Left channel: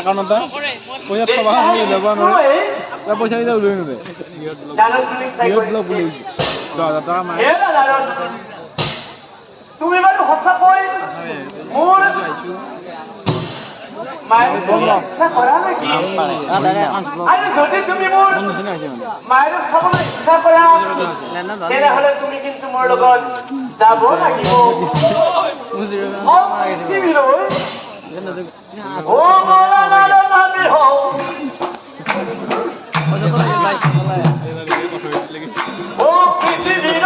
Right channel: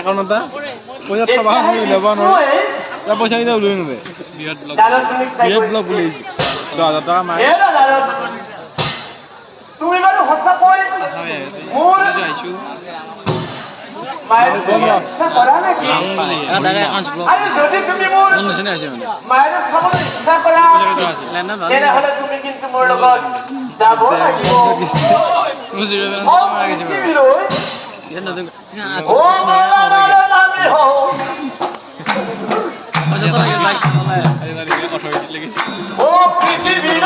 একাউন্টটা পয়সা থবা ল'ব নোৱাৰে পইচা কেইটা উলিয়াই নোৱাৰে বিৰাট ব্লক বুলি 10,000 টকা মাৰে তুমি বাৰু সঁচাকৈ মোৰ আহিছো মায়ের ইচ্ছা করা নাকি নাম পারে দাদা একাউন্টস ব্লক আরে যদি তুমি মোর মন শুনে আছে মানে মায়ের খাবার ইচ্ছা করা লেনা ভালো এরা হলে তুমি কিন্তু মোর লগত যাব নাকি বুঝিবে না মারা গেছে এটা দেখ না আচ্ছা আমি হো আচ্ছা তো গাইস ও পৃথিবীর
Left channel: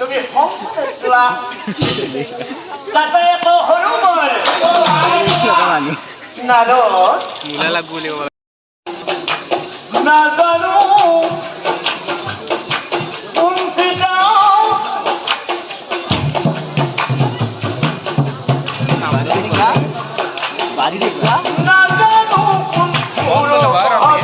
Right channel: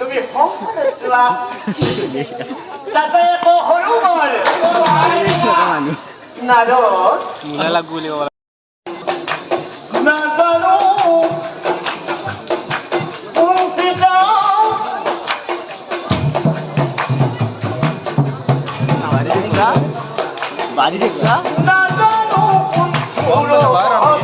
তুমি হোম করলা তাতে তো হরুমর না রে মুলা লাগুলে না জানো তুমি যাও বাড়ি দেখলা না জানো কোন বার আমি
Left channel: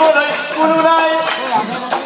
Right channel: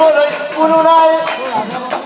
জীৱলৈ কোনো নাই